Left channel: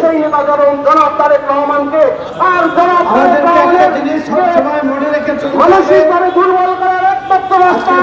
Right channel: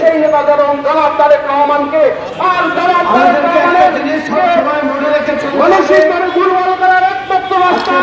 সেই নেতা জনাব তারেক রহমানকে সবসময় মনে রেখেছে মানসিকভাবে দুর্বল করার একমাত্র রাস্তা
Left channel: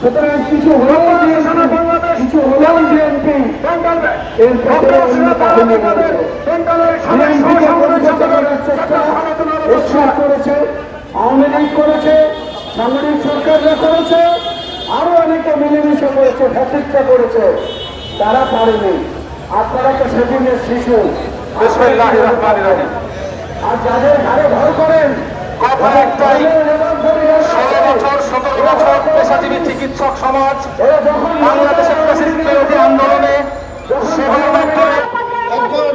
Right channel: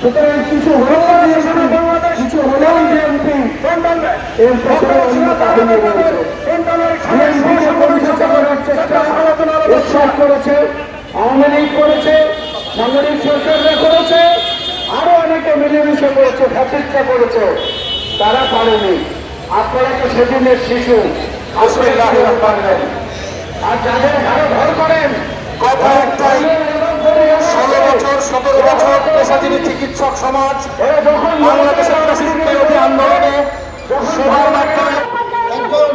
সুতরাং কিছু হলেও বিএনপি এর পক্ষে অন্য কাহিনী রয়েছে। বিএনপিকে পরিচালনা করার চেষ্টা উৎসাহ করেছে, আওয়ামী লীগ করেছে, সামরিক সরকাররা করেছে, আরো অনেকে মিলেমিশে করেছে, প্রতিষ্ঠা করেছে, তারা পারেনি। আপনারা তো সেদিনের শিশু। আর যাদের ঘরে ঘর করেন কথা একটাই, 16 বছর 17 বছর পেশাজীবী চিকিৎসক সমাজ বাংলাদেশের প্রেসিডেন্ট বিরোধী আন্দোলনে একজন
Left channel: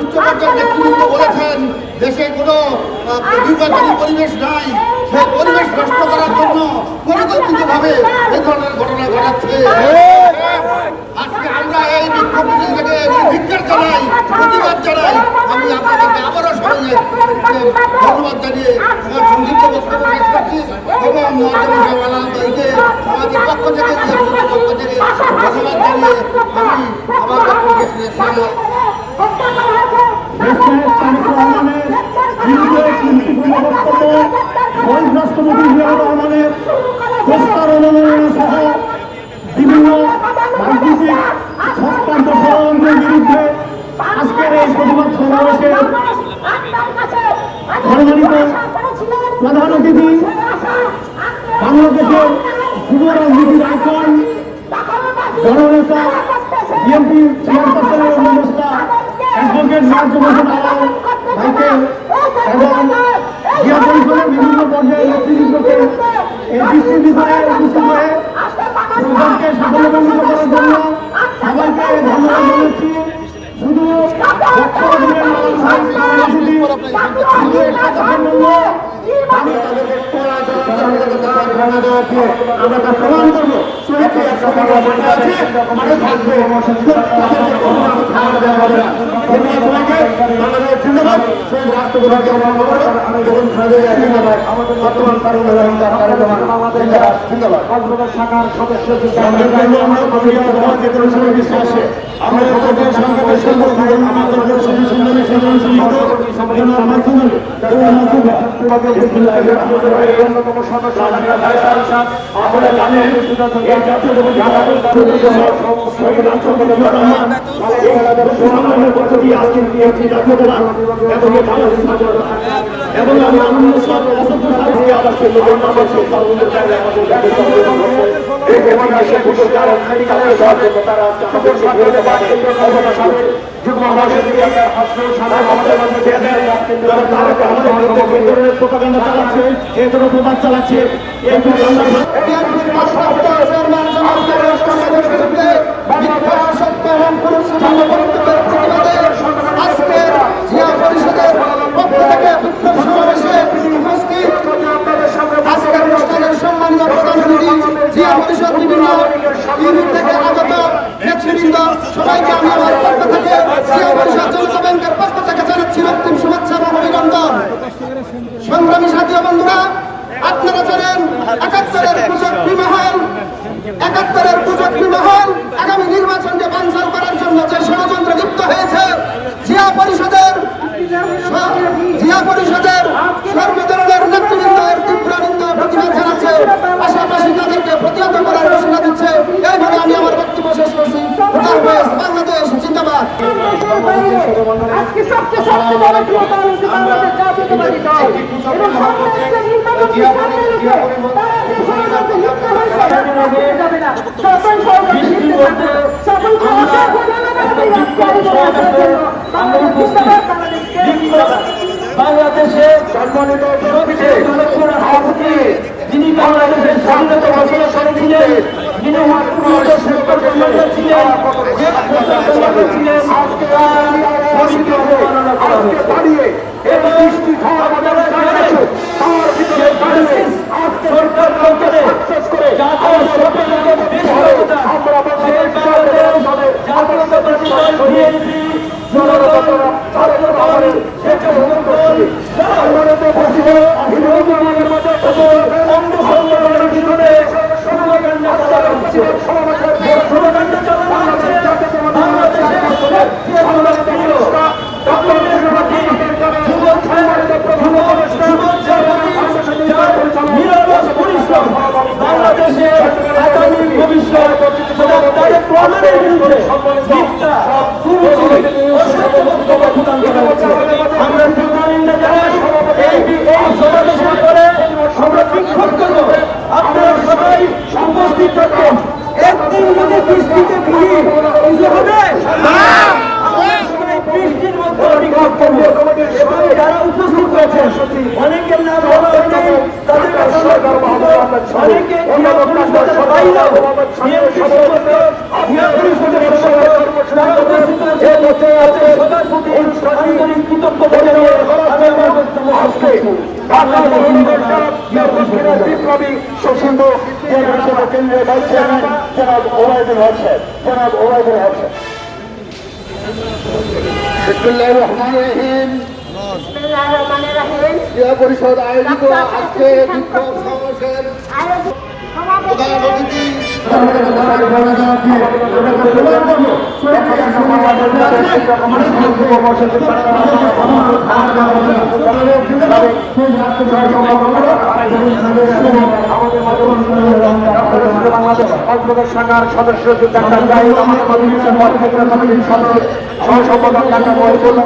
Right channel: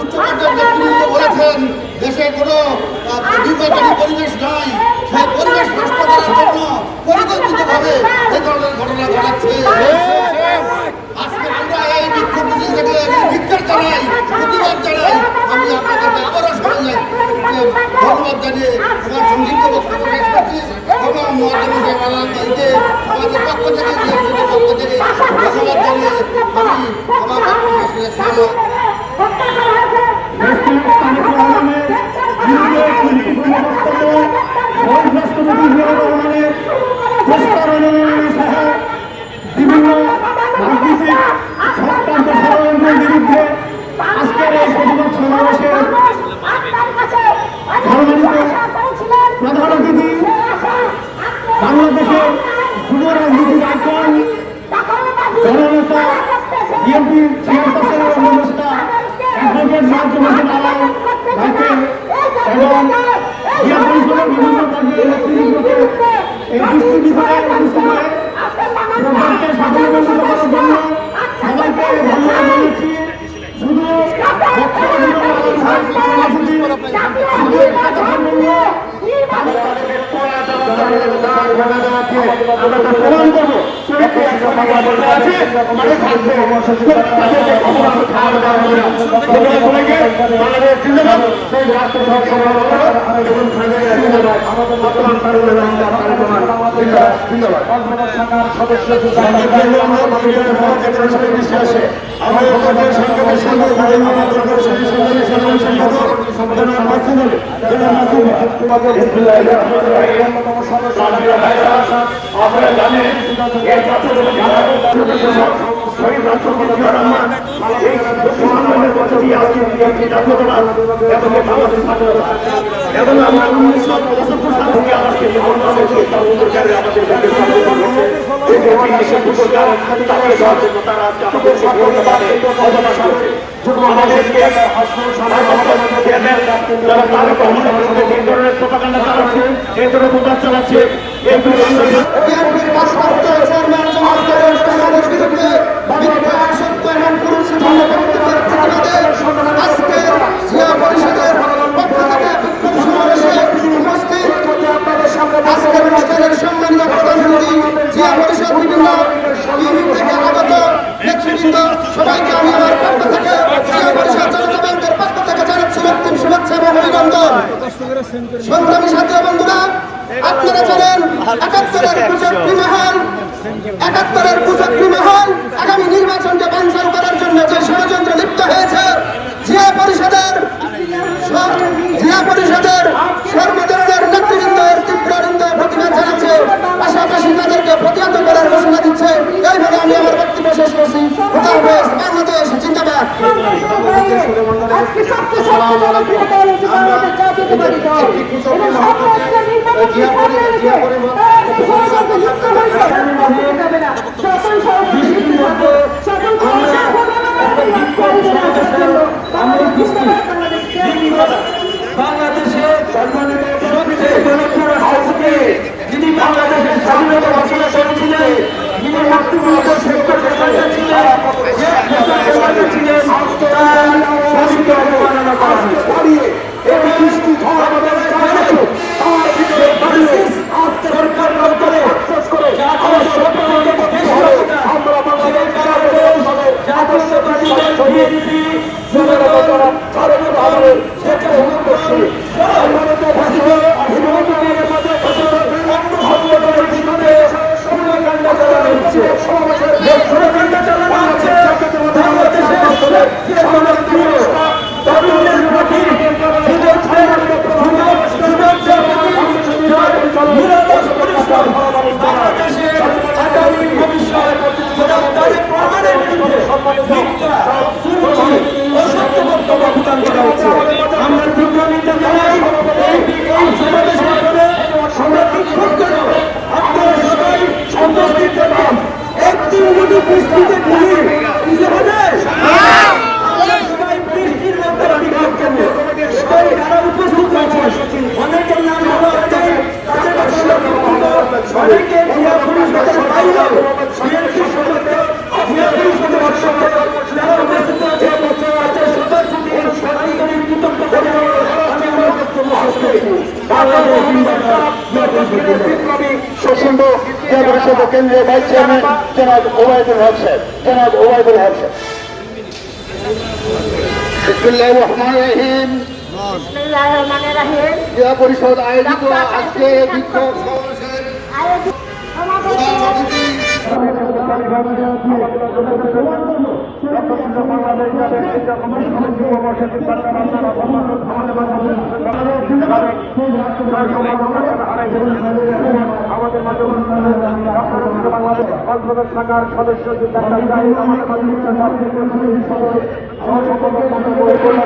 উচ্চ পর্যায়ের নেতৃত্ব বলেছেন দেশে কোনো নির্বাচনী পরিবেশ নাই, সেই পরিবেশ নষ্ট করার জন্য পরিকল্পিতভাবে এই ধরনের ঘটনা ঘটাচ্ছে। আজকে আমরা এই বিক্ষোভ মিছিল থেকে ধিক্কার জানাই, প্রতিবাদ জানাই। আমি আপনাদেরকে আবারও সবাই ধন্যবাদ জানিয়ে আমার সংক্ষিপ্ত বক্তব্য শেষ করছি এবং আমাদের পক্ষ থেকে ধন্যবাদ জানিয়ে আমি আমার বিভিন্ন রাজনীতিক সক্রান্ত ষড়যন্ত্রের বিরুদ্ধে আজকের এই প্রতিবাদ সমাবেশের সম্মানিত প্রধান অতিথি বাংলাদেশের যুব রাজনীতির আইকন জননেতা বিএনপির চেয়ারপারসনের উপদেষ্টা অ্যাডভোকেট মাহবুব হোসেন আলম ভাইকে এবং জিয়া পরিষদের বিভিন্ন পর্যায়ের নেতৃবৃন্দকে এই দৃষ্টি বিষয়ে প্রধানকে সাফল্যমণ্ডিত করার জন্য সবাইকে ধন্যবাদ জানাচ্ছি। শুধু প্রদান করবো এবং আমরা 1975 সাল থেকে আমাকে চালাচ্ছে। বিভিন্ন ইউনিট থেকে আগত নেতৃবৃন্দ সবাইকে আমি আমার পক্ষ থেকে জিয়া পরিষদ জনতা ব্যাংকের পক্ষ থেকে জানাচ্ছি রক্তিম শুভেচ্ছা এবং অভিনন্দন। সংগ্রামী সাথী ও বন্ধুরা, আপনারা জানেন ৭১-এর কুচক্রী মহল আগামী নির্বাচনকে বানচাল করার জন্য যে ষড়যন্ত্রে লিপ্ত হয়েছে, জিয়া পরিষদের সর্বধরনের নেতৃবৃন্দের তীব্র নিন্দা প্রতিবাদ জানাচ্ছে, পাশাপাশি তাদেরকে প্রতিহত করার ঘোষণা দিচ্ছে। এইভাবে আমি আমার বক্তব্য শেষ করছি। খোদা হাফেজ। বাংলাদেশ জিন্দাবাদ। আজকে সবচেয়ে জনপ্রিয় দল হচ্ছে বাংলাদেশ জাতীয়তাবাদী দল এবং সবচেয়ে নির্বাচনকে সামনে রেখে তারা যে ষড়যন্ত্রে লিপ্ত হয়েছে যাবে না। সকল ষড়যন্ত্র সকল বাংলাদেশের সম্মানিত সবচেয়ে জনপ্রিয় রাষ্ট্রপতি, যিনি বাংলাদেশের স্বাধীনতা ঘোষণা করেছিলেন, যিনি মুক্তিযুদ্ধের শ্রেষ্ঠ কমান্ডার ছিলেন, তার স্বামীকে অবমাননা করা হয়েছে। এই বৃষ্টি ঝড় আমাদের চালাচ্ছে, তার ভিতরে দাঁড়িয়ে সরকার করে জাতীয় সরকারের দেশ আমরা জাতীয়তাবাদী দল বিএনপি বাংলাদেশের আগামী ভবিষ্যৎ প্রমাণের বিরুদ্ধে আমরা নিন্দা জানাই। এই সমাবেশের পরে আমরা বিক্ষোভ করব। আপনারা সবাই উপস্থিত থাকবেন। একদিন যদি বৃষ্টিতে ভিজে হবে, আমরা সবাই বৃষ্টির মধ্যে বিক্ষোভ করবো। এবং যারা উপস্থিত হয়েছেন অনেকের নাম বলা হচ্ছে, তাদের কাছে অনেকে বাইরেও কেন্দ্রীয় ভাইস চেয়ারম্যান জনাব ওবায়দুল হক সাহেব। বিসমিল্লাহির রহমানির রহিম। জিয়া পরিষদ আয়োজিত আজকে বিক্ষোভ সমাবেশের প্রধান অতিথি আমাদের মাঝে বাংলাদেশ অন্তর্গত শাখার সদস্য ডাক্তার জাহিদ আমাদের সহ সম্পাদক ডাক্তার